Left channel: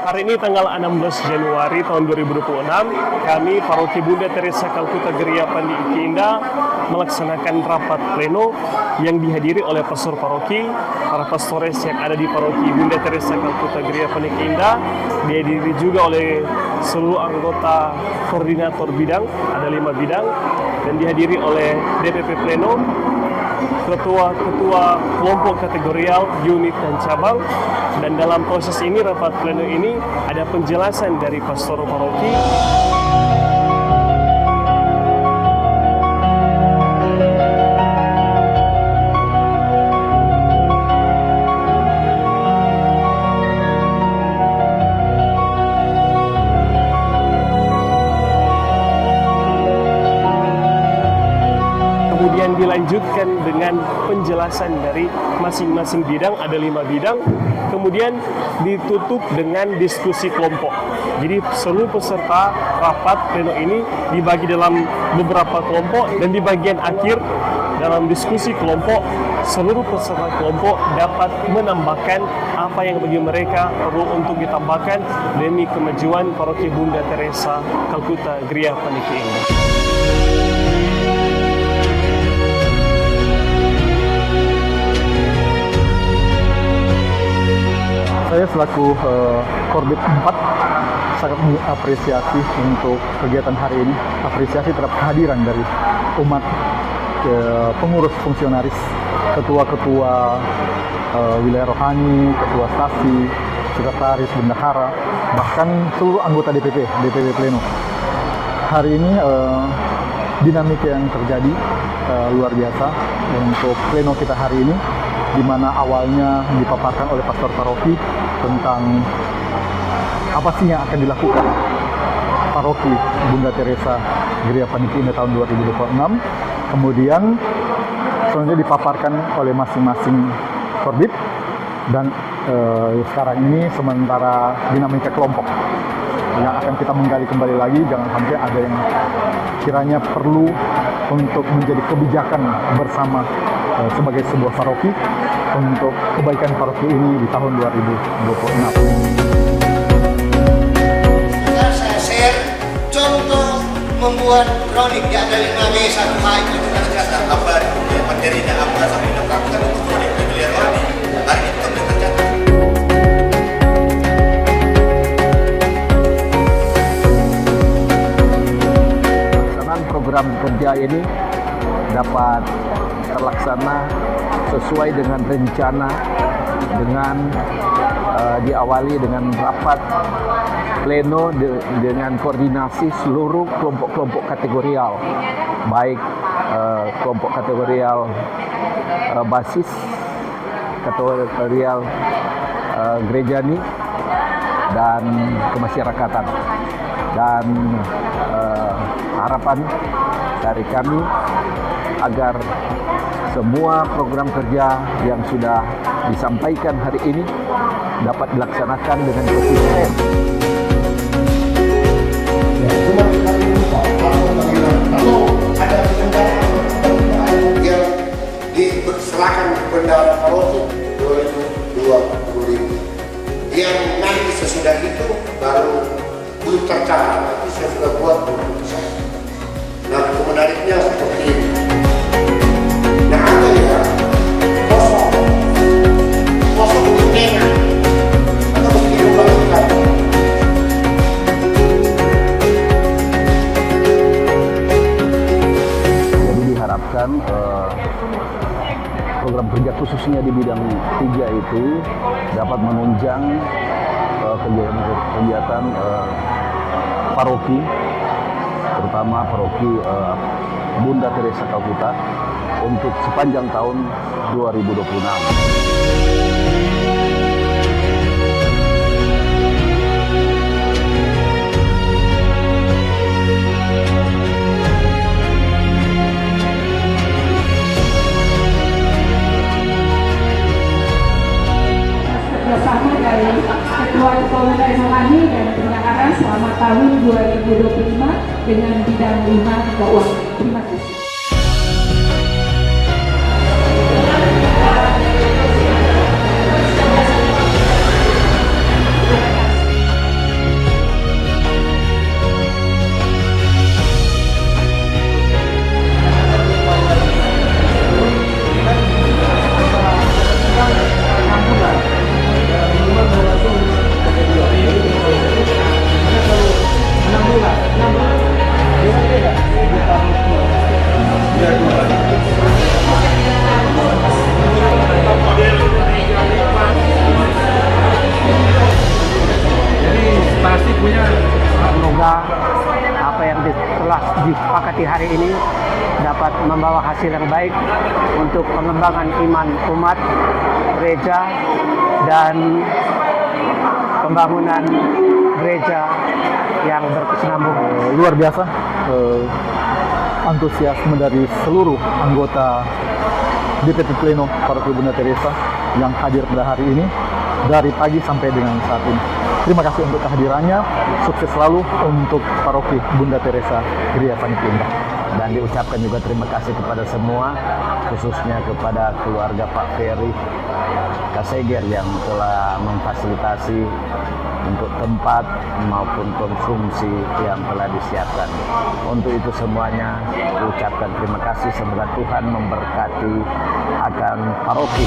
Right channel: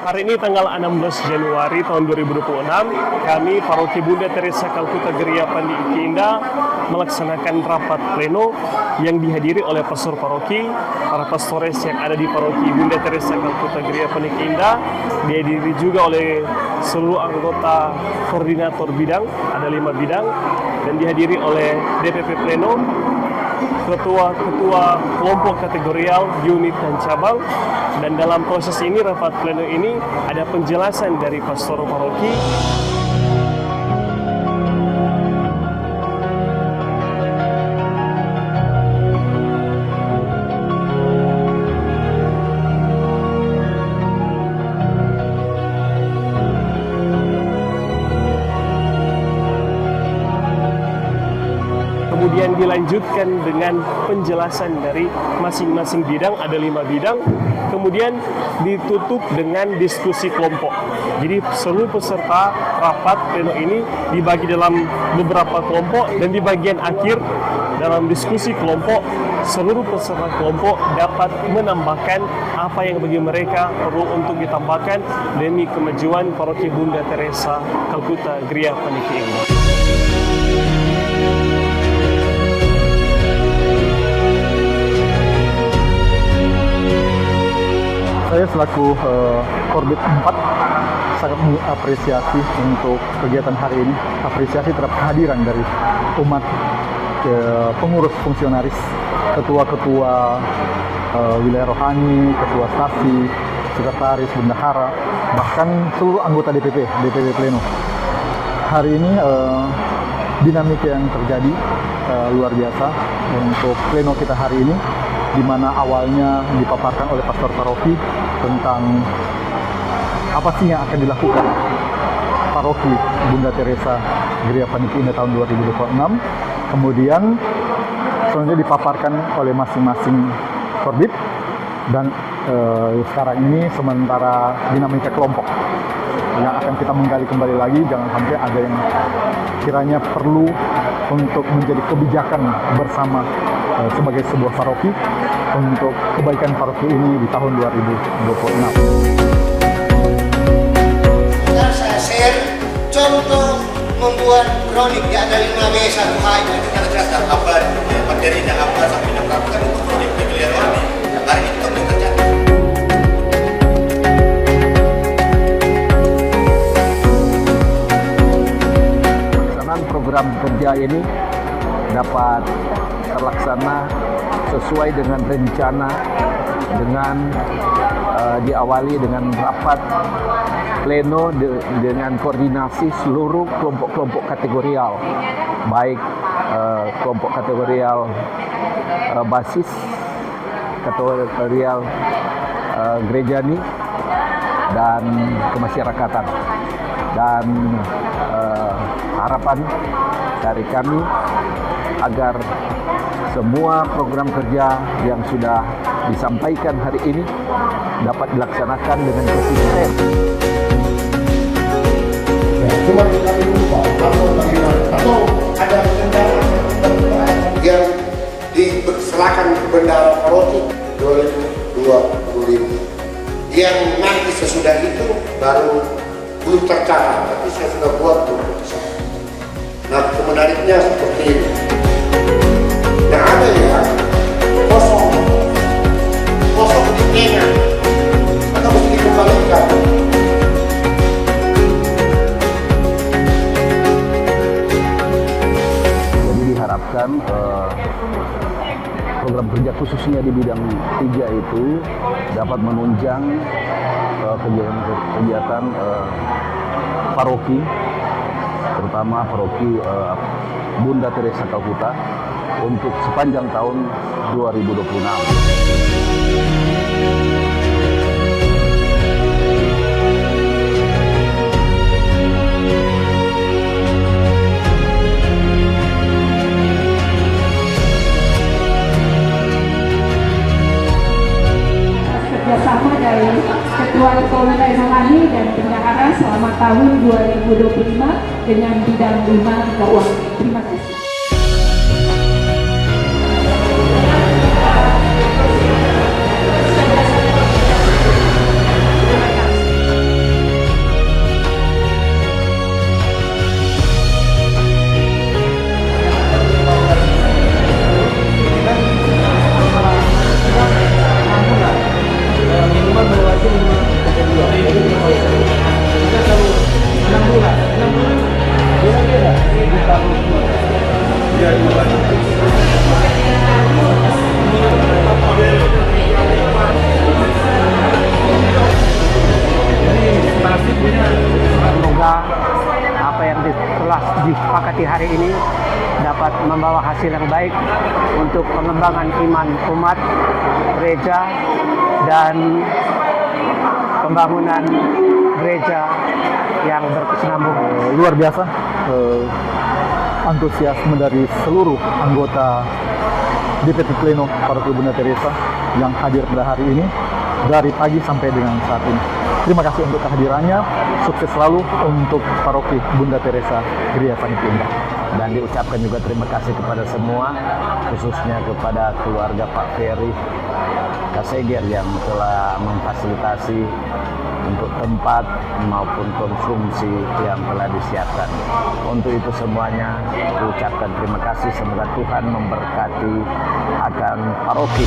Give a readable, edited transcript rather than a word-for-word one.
Hari ini tanggal 16 Januari tahun 2026, kami Paroki Bunda Teresa Kalkuta Gereja Pandi Iki Indah melaksanakan rapat pleno yang dihadiri oleh pastor paroki, para pastores yang ada di Paroki Bunda Teresa Kalkuta Gereja Pandi Iki Indah, dihadiri juga oleh seluruh anggota koordinator bidang, ada 5 bidang, dan dihadiri oleh DPP Pleno, ketua-ketua kelompok kategorial, unit, dan cabang. Dan dalam proses ini, rapat pleno ini, ada penjelasan dari pastor paroki. Kemudian dilanjutkan dengan penjelasan dari masing-masing bidang, ada 5 bidang. Kemudian ditutup dengan diskusi kelompok. Jadi seluruh peserta rapat pleno ini dibagi dalam beberapa kelompok, dan di bagian akhir dalam diskusi kelompok, seluruh peserta kelompok dapat menambahkan apa yang bagi mereka perlu untuk ditambahkan demi kemajuan Paroki Bunda Teresa Kalkuta Gereja Pandi Iki Indah. Saya selaku Korbit 4 sangat mengapresiasi untuk kegiatan hari ini, apresiasi terhadap kehadiran dari umat, pengurus fungsionaris, ketua-ketua wilayah rohani, ketua stasi, sekretaris, bendahara, bahkan seluruh anggota DPP Pleno. Hari ini dinamika yang terjadi luar biasa untuk pleno kita hari ini, di mana awalnya dipaparkan oleh pastor paroki tentang apa sih yang akan dilakukan Paroki Bunda Teresa Gereja Pandi Iki Indah tahun 2026. Kemudian selanjutnya dipaparkan oleh masing-masing korbit, dan sekarang ini sementara dinamika kelompok yang akan kita menggali kembali lagi. Jangan sampai ada yang kiranya perlu untuk menjadi kebijakan bersama sebagai sebuah paroki untuk kebaikan paroki ini di tahun 2026. Saya share contoh membuat kronik di ada 5W 1H itu kita catat apa materinya apa sampai melakukan untuk kronik di wilayah rohani. Hari ini kita tercatat. Pelaksanaan program kerja ini dapat terlaksana sesuai dengan rencana, dengan diawali dengan rapat pleno dengan koordinasi seluruh kelompok-kelompok kategorial, baik kelompok kategorial basis, kategorial gerejani, dan kemasyarakatan. Dan harapan dari kami agar semua program kerja yang sudah disampaikan hari ini dapat dilaksanakan dengan konsisten. Ya, cuma kami lupa atau ada yang diserahkan bendahara paroki 2025. Yang nanti sesudah itu baru belum tercatat, tapi saya sudah buat keputusan. Nah, menariknya seperti ini. Nah, ada ya kosong di plena atau mesti dikembalikan. Jadi diharapkan program kerja khususnya di bidang 3 itu dapat menunjang kegiatan paroki, terutama paroki Bunda Teresa Kalkuta untuk sepanjang tahun 2026. Kerjasama dari Ketua-Ketua Wilayah Rohani dan Bendahara selama tahun 2025 dengan bidang 5 keuangan. Terima kasih. Semoga apa yang telah disepakati hari ini dapat membawa hasil yang baik untuk pengembangan iman umat, gereja, dan pembangunan gereja yang berkesinambung. Luar biasa antusiasme dari seluruh anggota DPT Pleno Paroki Bunda Teresa yang hadir pada hari ini dari pagi sampai dengan saat ini. Terima kasih untuk kehadirannya. Sukses selalu untuk Paroki Bunda Teresa Gereja Panitia Indah. Dan diucapkan juga terima kasih kepada semua, khususnya kepada keluarga Pak Ferry Kaseger yang telah memfasilitasi untuk tempat maupun konsumsi yang telah disiapkan. Untuk itu semuanya ucapkan terima kasih, semoga Tuhan memberkati akan paroki.